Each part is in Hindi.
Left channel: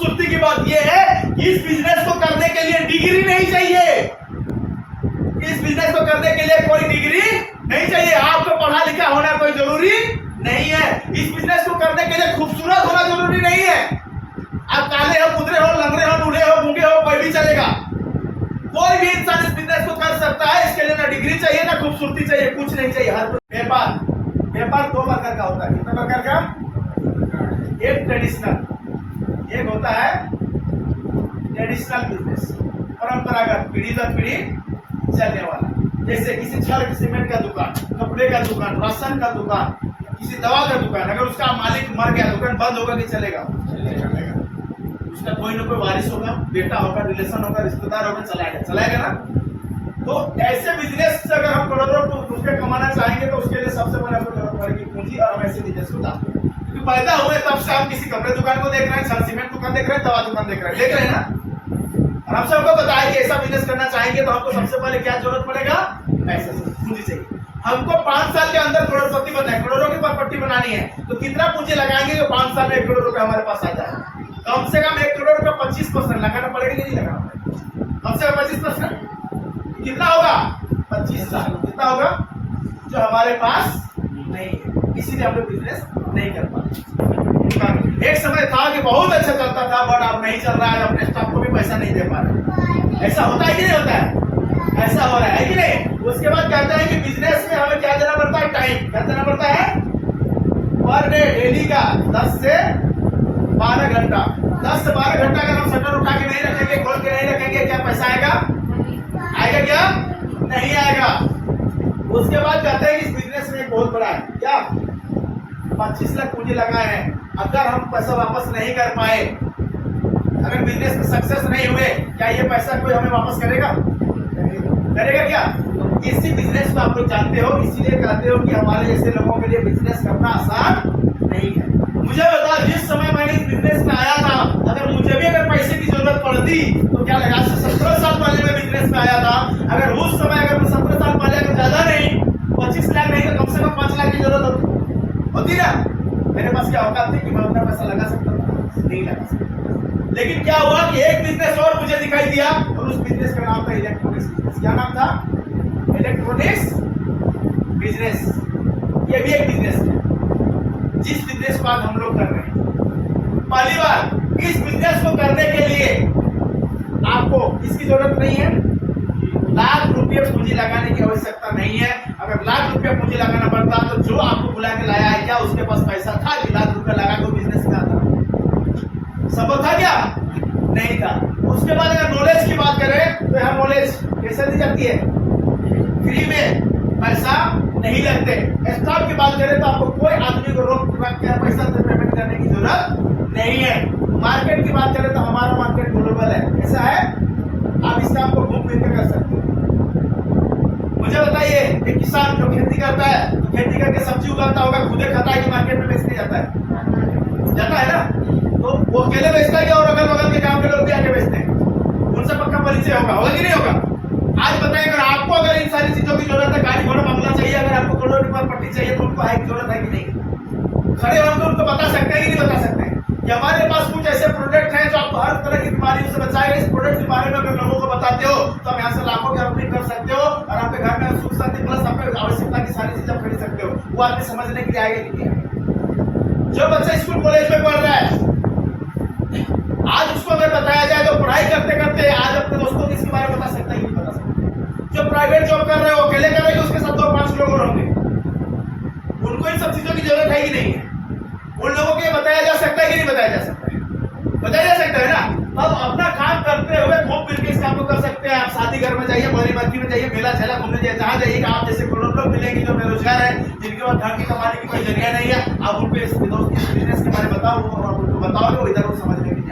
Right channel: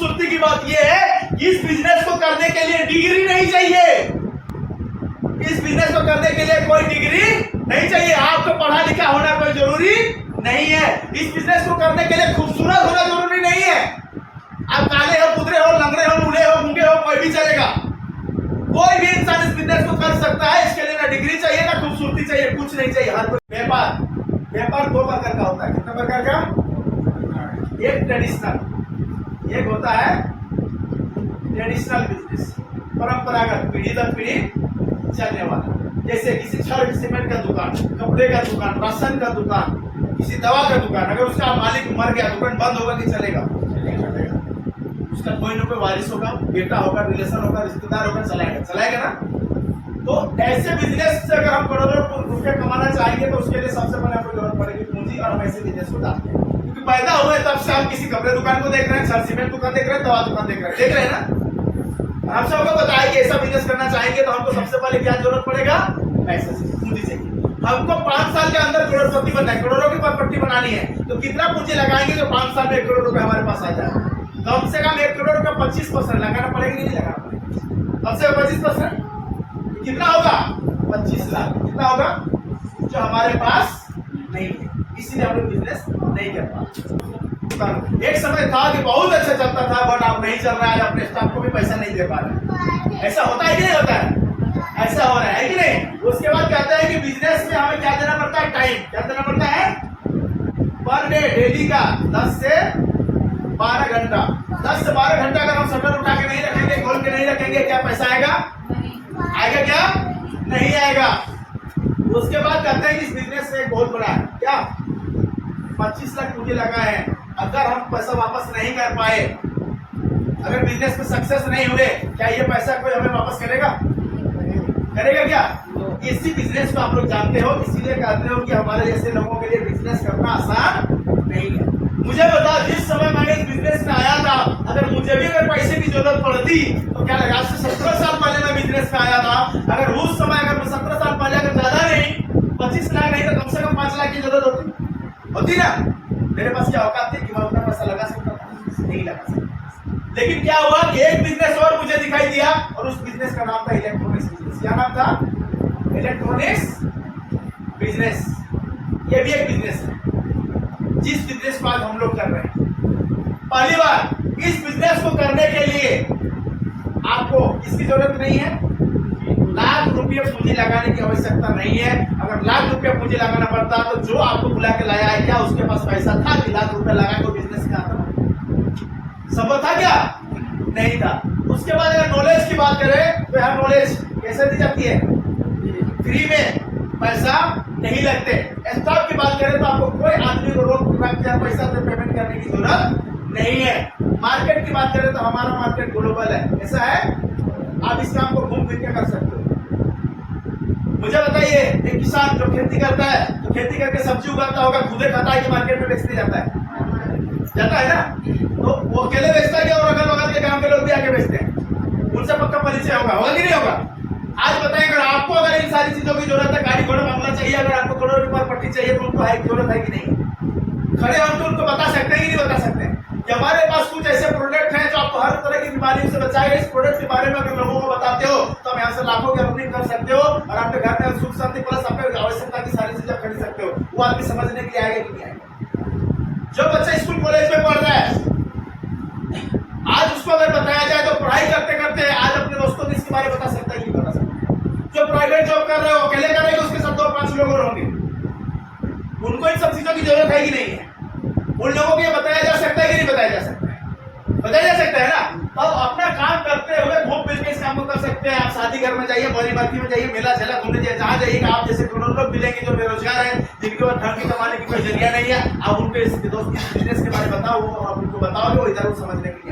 खूबसूरती की बात यह है कि इस बिजनेस को करने के लिए डिग्री नहीं चाहिए। इस बिजनेस को करने के लिए कोई डिग्री नहीं चाहिए। आपको पढ़ा लिखा होना कोई जरूरी नहीं है। इस बिजनेस को करने के लिए खूबसूरत होना जरूरी नहीं है। आप काले हो, कुदरे हो, लंगड़े हो, बूढ़े हो, गूंगे हो, कोई भी चलेगा। कोई भी इंसान इस बिजनेस को कर सकता है। इसके लिए ना डिग्री चाहिए ना खूबसूरती चाहिए, कुछ नहीं चाहिए। हर कोई व्यापार दो प्रकार का होता है। कितने प्रकार का? एक ट्रेडिशनल, एक होता है ट्रेडिशनल बिजनेस, परंपरागत, पीढ़ी दर पीढ़ी चलने वाला। जैसे किसी छड़ सीमेंट का दुकान, कपड़े का दुकान, राशन का दुकान, किसी दवा का दुकान। अगर उसका मालिक मर गया, दुकान बंद होगा कि चलेगा? उसका कोई ना कोई वारिस होगा, बेटा होगा, रिलेशन होगा, रिश्तेदार होगा, चलाएगा ना। तो ऐसे बिजनेस से अगर हम करोड़ों रुपए कमाना चाहेंगे तो उसके लिए सबसे पहले आपको जरूरत पड़ेगी पूंजी। और हम ऐसे बिजनेस को डालते हैं क्योंकि पैदा हुए तब से हम किसी कपड़े दुकान को देख रहे हैं, छड़ सीमेंट दुकान देख रहे हैं, दवा दुकान देख रहे हैं ना। और हम सबको बताया कि ऐसा बिजनेस करना चाहेंगे तो हमको सबसे पहले क्या जरूरत पड़ेगा? पैसे, पूंजी चाहिए। हमको 5 साल के अंदर करोड़पति बनना है, करोड़ों की प्रॉपर्टी बनानी है। तो कितना पूंजी लगाएंगे तो 5 साल में 1 करोड़ रुपए हमारे पास आ जाए? कम से कम 1 करोड़ का 25% लगाना पड़ेगा कि नहीं लगाना पड़ेगा? कम से कम 25%। कितना होगा? 25 लाख। कितना होगा? जो हमारे पास नहीं है, इसीलिए हम लोग बिजनेस नहीं कर पाते। एक समय था कि बहुत अच्छा चलता था, बट अब नहीं चल रहा है। अपने स्टाफ को भी पैसा नहीं दे पा रहे। ऐसा होता है कि नहीं होता है? ऐसा हो रहा है कि नहीं? उसके बाद कहते हैं कि बिजनेस में हमें क्या देना पड़ता है? टाइम। क्या देना पड़ता है? पर डे, डेली का 10 से 12 घंटा। 10 से 12 घंटा अगर हम शटर उठा के नहीं रखेंगे, खोल के नहीं रखेंगे, क्या पैसा आएगा? आएगा क्या? नहीं आएगा। उसके बाद कहते हैं कि इस बिजनेस में एक बहुत बड़ा है, क्या? 25 लाख पूंजी लगाए हैं। अगर हम पैसा वापस नहीं कर पाए, अगर बिजनेस में सक्सेस नहीं हुए, क्या ये पैसा कोई हमें वापस करेगा? करेगा क्या? इसी बिजनेस को आप लोग जानते हो, इसीलिए कहते हो कि हमारे जैसे लोगों के लिए बिजनेस करना आसान नहीं है। मुझे बता, जिस समय मैंने इस बिजनेस में आया था, अगर मुझे भी अगर पैसे की जरूरत पड़ती तो क्या लगा? 17 साल पहले मैं बिजनेस में आया था। अगर उस समय अगर मैं 17 साल पहले, अगर ज्यादा नहीं 25 लाख नहीं तो कम से कम 5 लाख की जरूरत होती ना। मेरे पास क्या औकात थी कि मैं उतना पैसा लगा सकता था? नहीं लगा सकता। लेकिन क्या हुआ कि एक बिजनेस और मुझे दिखाई दिया, और उस बिजनेस का नाम था इलेक्ट्रॉनिक्स बिजनेस। क्या नाम था? Electronics business. ये भी एक बिजनेस है, जिस बिजनेस को आज हम लोग कर रहे हैं। पहली बार इस बिजनेस को करने के लिए आपको इसकी जरूरत नहीं है, लाख रुपये पूंजी लगाने की आवश्यकता नहीं है। अगर लाख रुपये पूंजी लगाना पड़ता तो जो आपको बुला के लाया है, क्या उसके पास पैसा था कि लाख रुपए लगा को बिजनेस में आता? संभव था क्या? नहीं था। उसके बाद अगर नॉलेज की बात करें तो यह नॉलेज कैसे दी जाती है? फ्री में, पैसा नहीं लगते। स्टाफ की बात करें तो आपको कोई आदमी को रोक कर पैसा से पेमेंट करने की जरूरत नहीं है। मार्केट की बात करें तो हमारा मार्केट ग्लोबल है। ऐसा है, आप इस काम को घूम फिर के कर सकते हो। मुझे बताइए, एक किसान जो खेती करता है तो खेती करके सब्जी उगाता होगा, खुदे खाता है कि मार्केट में बेचने जाता है? जाता है ना। तो वो अकेले बेचता है और अगल बगल के गांव के लोग भी आके बेचते हैं। उनसे पक्का परिचय होगा कि नहीं होगा? आज बताएं, अगर आपको अगर इन सारी चीजों की जरूरत है, गाड़ी घोड़ा बंगला चाहिए, अगर आपको करोड़ की प्रॉपर्टी चाहिए तो उनको जरूरत है कि नहीं? खड़े हम तो उनको बता सकते हैं कि नहीं बता सकते हैं कि हमारे पास कुछ ऐसे प्रोडक्ट हैं जो आपको हर तरह की बीमारियों से बचाएगा। इस प्रोडक्ट के बारे में अगर लोगों को बताते हो तो आप यहाँ से लाखों की अर्निंग कर सकते हो और आपके घर में सुख शांति प्लस आपके आवश्यकता की सारी चीजें खरीद सकते हो। वो आदमी समझने के लिए आएगा कि नहीं आएगा? जो बच्चा स्कूल कॉलेज में पढ़ रहा है, आज उसको अगर बताया जाए तो पढ़ाई करते करते आज अपने दोस्तों को इसके बारे में बता सकता है कि नहीं बता सकता? जो प्राइवेट जॉब कर रहे हो, अकेले करेंगे, उसके साथ 2-5 लोग और होंगे। उनको इन सब चीजों की जरूरत है कि नहीं है? उन लोगों को ये बताया जा सकता है कि नहीं बताया जा सकता है? बताया जा सकता है ना। अब अपना काम करते हुए घूम फिर के इस काम को कर सकते हैं। आप शादी घर में जाइए, बड़ी बर्फी में जाइए, मेला झेला घूमने जाइए, जहाँ जाइएगा आप जैसे करोड़ों लोग मिलेंगे जो बेरोजगार है, जिनके पास धन की कमाने की कोई जरिया नहीं है। आप उनको इस बिजनेस के बारे में बताओ, वो आप उनको बताओगे, वो इधर वो समझने के लिए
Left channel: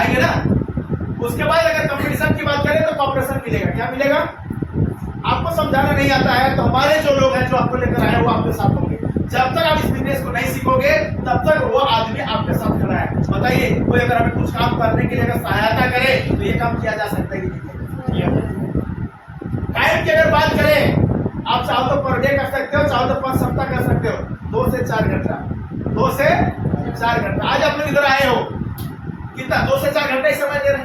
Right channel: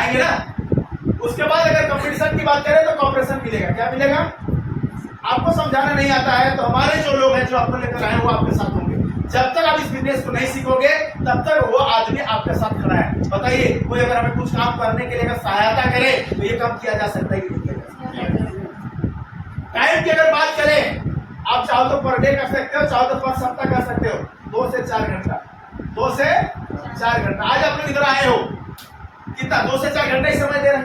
आएंगे ना। उसके बाद अगर कंपटीशन की बात करें तो कॉपरेशन मिलेगा। क्या मिलेगा? आपको समझाना नहीं आता है तो हमारे जो लोग हैं जो आपको लेकर आए वो आपके साथ होंगे। जब तक आप इस बिजनेस को नहीं सीखोगे तब तक वो आदमी आपके साथ खड़ा है। बताइए, कोई अगर हमें कुछ काम करने के लिए अगर सहायता करे तो ये काम किया जा सकता है कि नहीं किया जा सकता? टाइम की अगर बात करें, आप चाहो तो पर डे कर सकते हो, चाहो तो 5 सप्ताह कर सकते हो। 2 से 4 घंटा, 2 से 4 घंटा। आज आप लोग इधर आए हो, कितना 2 से 4 घंटे ही समय दे रहे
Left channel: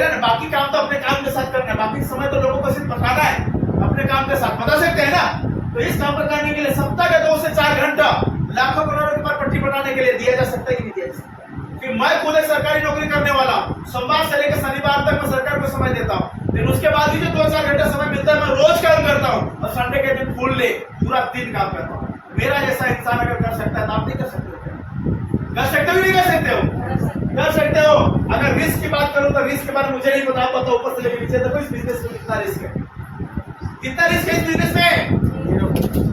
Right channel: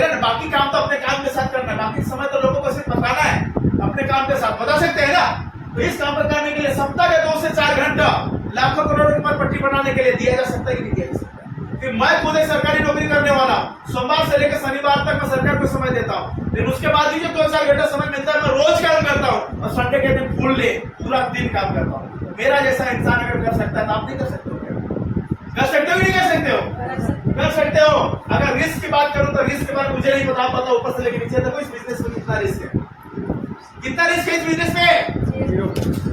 हैं ना। बाकी काम तो अपने काम के साथ करना है, बाकी समय तो लोगों को सिर्फ बताना है अपने काम के साथ, बता सकते हैं ना। तो इस काम को करने के लिए सप्ताह के 2 से 4 घंटा लाखों करोड़ों की प्रॉपर्टी बनाने के लिए दिया जा सकता है कि नहीं दिया जा सकता? कि मैं खुद एक सरकारी नौकरी करने वाला हूँ, सोमवार से लेकर शनिवार तक मैं सरकार को समय देता हूँ, लेकिन उसके बाद भी जो 2-4 घंटा समय मिलता है मैं रोज काम करता हूँ और संडे के दिन फुल डे पूरा दिन काम करता हूँ। मेरा जैसा इंसान अगर कर सकता है तो आप नहीं कर सकते हो क्या? कर सकते हो कि नहीं कर सकते हो? कर सकते हो। अगर रिस्क की बात करूं तो रिस्क के बारे में मुझे नहीं पता ऊपर से लेकर नीचे तक इस बिजनेस में कितना रिस्क है, कितना रिस्क है इस बिजनेस में?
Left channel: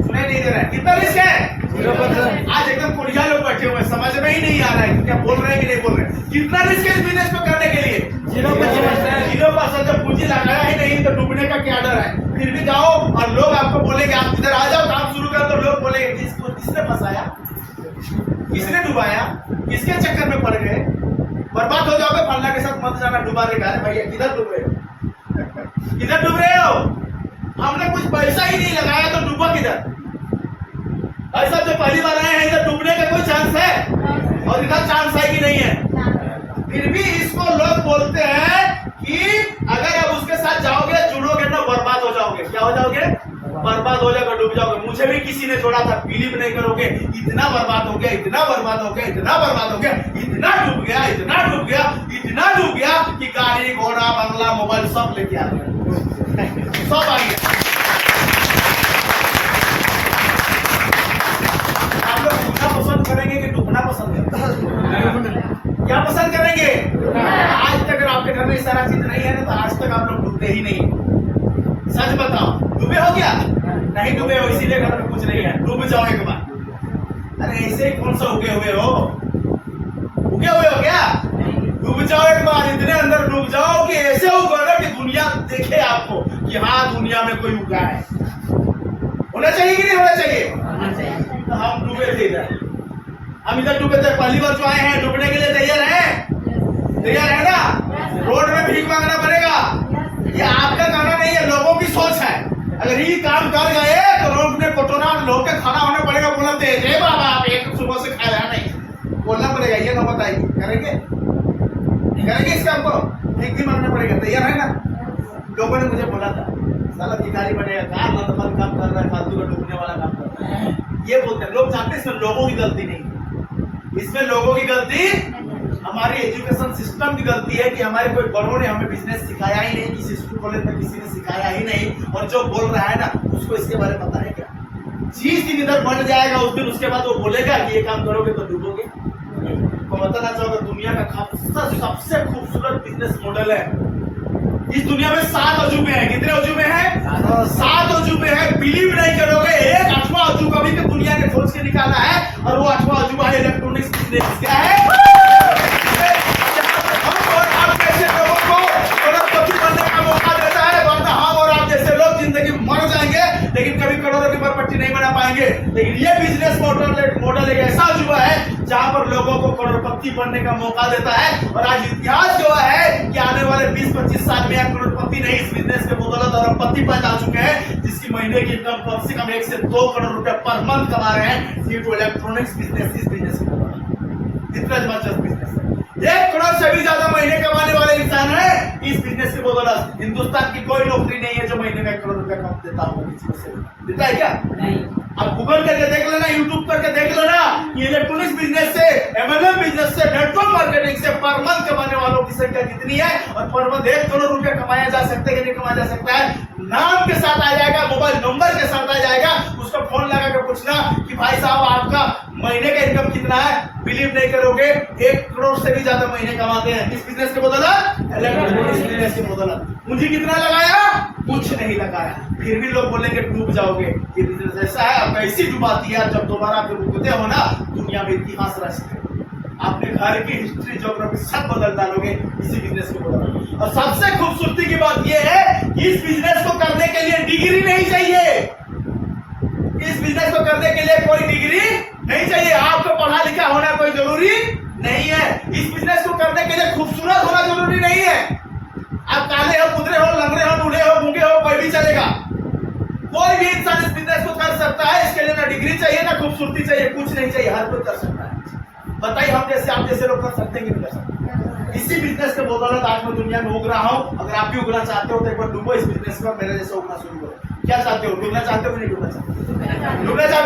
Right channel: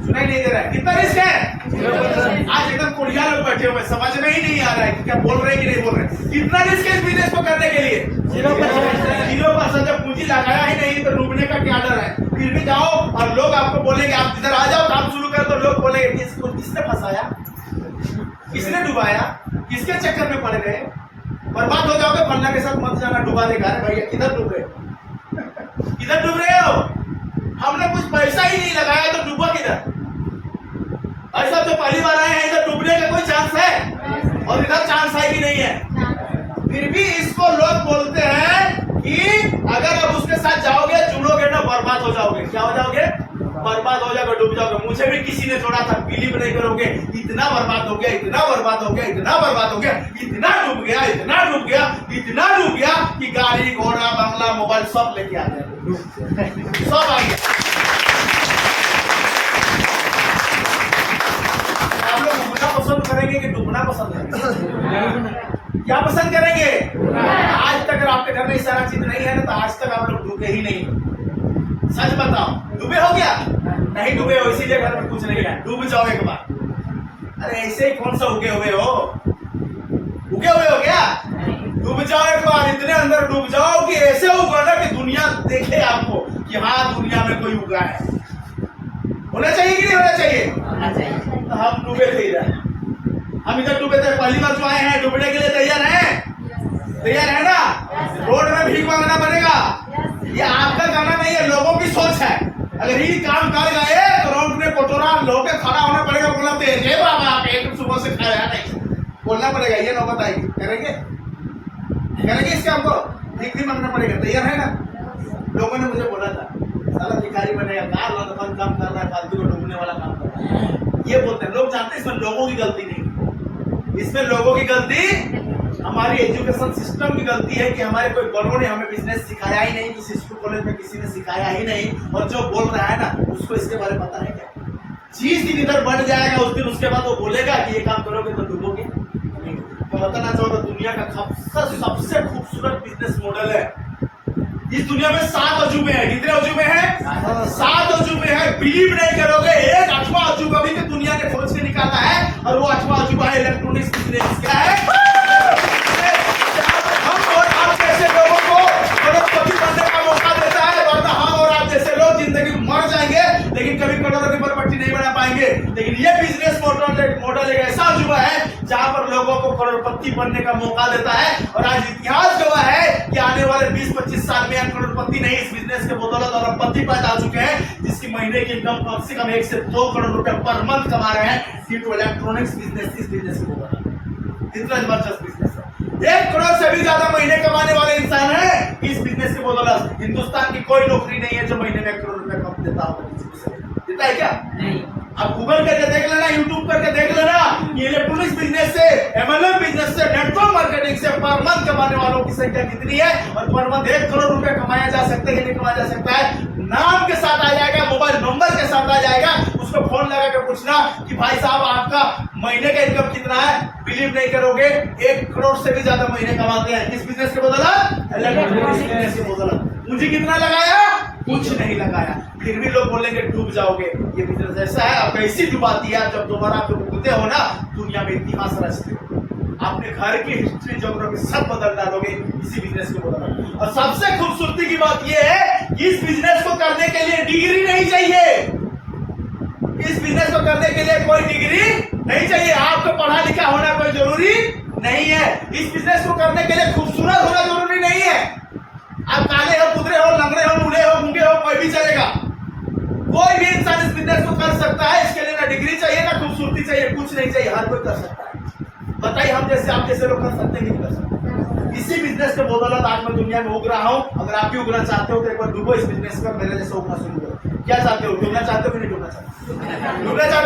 सुनाई नहीं दे रहा है, कितना रिस्क है? आज एकदम कुड़िया लोग बैठे हुए, समझ में ही नहीं आ रहा है कि क्या बोल रहे हैं कि नहीं बोल रहे हैं। कितना रिस्क है इस बिजनेस को करने के लिए? 0%। जब पूंजी लगाया ही नहीं तो डूबने का क्या डर है? फिर भी जाओ और लोग आपको बोलेंगे आप इधर आ जाओ काम शुरू कर, तो लोग बोलेंगे इसको किसने फंसाया, किसने डुबाया, किसके चक्कर में पड़ गए, बर्बाद हो जाओगे, फन्ना के साथ मत जाना, डुबा देगा। अरे भैया किधर डूब रहे हो, किधर डूब रहे हो? हमने कुछ पैसा ही नहीं लगाया तो डूबा किधर? ऐसा जो पहली बार आए हैं इधर डूबने का कोई चांस है? और इधर चांस है कि नहीं है? फिर भी इसको लोग बोलते हैं कि अगर आप उसके साथ जाओगे चुनोगे ना बर्बाद हो जाओगे। क्या हो जाओगे? बर्बाद हो जाओगे, डूब जाओगे। मुझे भी किसी ने जोड़ा था, बिलीव नहीं करोगे, इतना बर्बाद हो गया, इतना बर्बाद हो गया, इतना बर्बाद हो गया, इतना डूब गया, इतना डूब गया, इतना डूब गया कि गाड़ी घोड़ा बंगला मोबाइल सब लेके आ गया, सब आ गया। आप लोग डूबना पसंद करेंगे कि डूबना पसंद करेंगे? क्या पसंद करेंगे? आज तक अगर आपके घर में सारा चीज नहीं है ना तो आज तक आप लोग डूबे ही नहीं। सच बताओ, डूबे हो क्या? नहीं डूबे हो, इसीलिए घर में कुछ नहीं है। डूब जाओ एक बार। अरे ऐसे ही कौन सा उगे हुए हो? उगे हुए हो क्या? डूब जाओ एक बार, इतने अंदर डूब जाओ कि ऐसे उगो ना कि दुनिया देखे आपको कि हाँ दुनिया में कोई उगा है। होना चाहिए कि नहीं होना चाहिए? तो हम डूबे थे इधर, हम इधर डूबे थे। पहली बार जो आए हैं डूबने के लिए तैयार हैं? तैयार है ना? रोड में भीख मांगना पड़ेगा, ये आपका गाना नहीं है, लोगों की सोच है। अगर ये काम कर गए तो रोड में कोटोरा लोग खड़ा होना पड़ेगा, बोला जय बाबा आप एक सुबह से खाया नहीं, बोलना पड़ेगा। ये नौबत आएगी, करेंगे करेंगे इस काम को? भीख भी मांगना पड़ेगा, तैयार है ना? लोगों ने मुझे बोला था साला भिखारी बनेगा, कार लंदन काम कर रहा है, फालतू का डूबने वाला काम कर रहा है, ये बोलते हैं लोग। जानते हैं इसमें लोगों की गलती नहीं, इसमें लोगों की गलती हमारी एजुकेशन सिस्टम की गलती है कि हमारे कोई बड़ों ने हमें बिजनेस सिखाया ही नहीं, किसी स्कूल कॉलेज में किसी ने सिखाया ही नहीं। और जो बोल रहा है ना उसको इसके बारे में पता है क्या? चीज की इधर बढ़ जाएगा उस दिन, उसके बाद वो बोलेगा कि ये काम करोगे तो डूबोगे। तो बताना चाहोगा दुनिया का सबसे खूबसूरत बिजनेस मॉडल है इस दुनिया में। 7 अजूबे हैं। कितने अजूबे हैं? 7 अजूबे हैं। बिलीव नहीं करोगे, एक 8वां अजूबा भी तो दुनिया ने खोज के निकाला है, और वो 8वां अजूबा है इलेक्ट्रॉनिक्स बिजनेस। क्या है? हम और आप जैसे लोगों को करोड़पति बनने का मौका देता है, वरना हम और आप जैसे लोग जिंदगी मर जाएंगे लेकिन कभी करोड़ों की प्रॉपर्टी नहीं बना पाएंगे। लेकिन ये बिजनेस मॉडल एक ऐसा अजूबा है जहां पर लोगों को करोड़पति बनने का मौका देता है। और आज इतिहास गवाह है कि आने वाले 20-25 साल में करोड़पति नहीं, इस बिजनेस के बदौलत अरबपति पैदा हो चुके हैं, जिसकी महीने की इनकम कम से कम 1 से 2 करोड़ रुपए पर मंथ कमा रहे हैं ड्यू टू इलेक्ट्रॉनिक्स बिजनेस। इस बिजनेस की बदौलत इतना जबरदस्त बिजनेस है। 1 करोड़ से भी ज्यादा महीने कमाने वाले इंसान है इस बिजनेस की बदौलत। हिंदुस्तान की कोई नौकरी नहीं है जो महीने में 1 करोड़ रुपए कम देता होगा किसी को। से देता है क्या? नहीं। अब गूगल करके देख लेना, यूट्यूब करके देख लेना, ये इलेक्ट्रॉनिक्स बिजनेस से, एमएलएम बिजनेस से, नेटवर्क मार्केटिंग से पर मंथ कमाने वालों की संख्या कितनी है, और पर मंथ 1 करोड़ रुपए कमाया जा सकता है कि नहीं कमाया जा सकता है? नाम के साथ आ जाएगा, मोबाइल नंबर के साथ आ जाएगा, उसको फोन लगा के पूछना कि भाई साहब आपका महीने का इनकम कितना है? बिलीव नहीं करोगे, 1 करोड़ से भी ज्यादा महीने कमाते हैं इस बिजनेस के बदौलत, इलेक्ट्रॉनिक्स बिजनेस के बदौलत। पूंजी कितना लगाया? कुछ नहीं लगाया, फिर भी लोग बोलेंगे डूब जाओगे। ये बिजनेस ऐसा है, अब कैसी डुबाती है, जब दोबारा आप डूबते हो ना दुनिया में इतिहास रचते हो, अपने घर की हिस्ट्री ज्योग्राफी सब बदल डालोगे इसी बिजनेस को बदल। और सबसे खूबसूरती की बात यह है कि इस बिजनेस को करने के लिए डिग्री नहीं चाहिए। इस बिजनेस को करने के लिए कोई डिग्री नहीं चाहिए, आपको पढ़ा लिखा होना कोई जरूरी नहीं है। इस बिजनेस को करने के लिए खूबसूरत होना जरूरी नहीं है। आप काले हो, कुदरे हो, लंगड़े हो, बूढ़े हो, गूंगे हो, कोई भी चलेगा। कोई भी इंसान इस बिजनेस को कर सकता है। इसके लिए ना डिग्री चाहिए ना खूबसूरती चाहिए, कुछ नहीं चाहिए, हर कोई कर सकता है। बताइए हम जैसे आप जैसे लोग कर सकते हैं कि नहीं कर सकते? इसी बिजनेस के बदौलत आज मैं दुनिया में उग रहा हूं। अगर आप भी उगना चाहते हो तो एक बार डूबो इस बिजनेस में, मेरे जैसे उगना शुरू करो। क्या चाहते हो, डूबना चाहते हो कि नहीं डूबना चाहते हो? डूबना चाहते हो?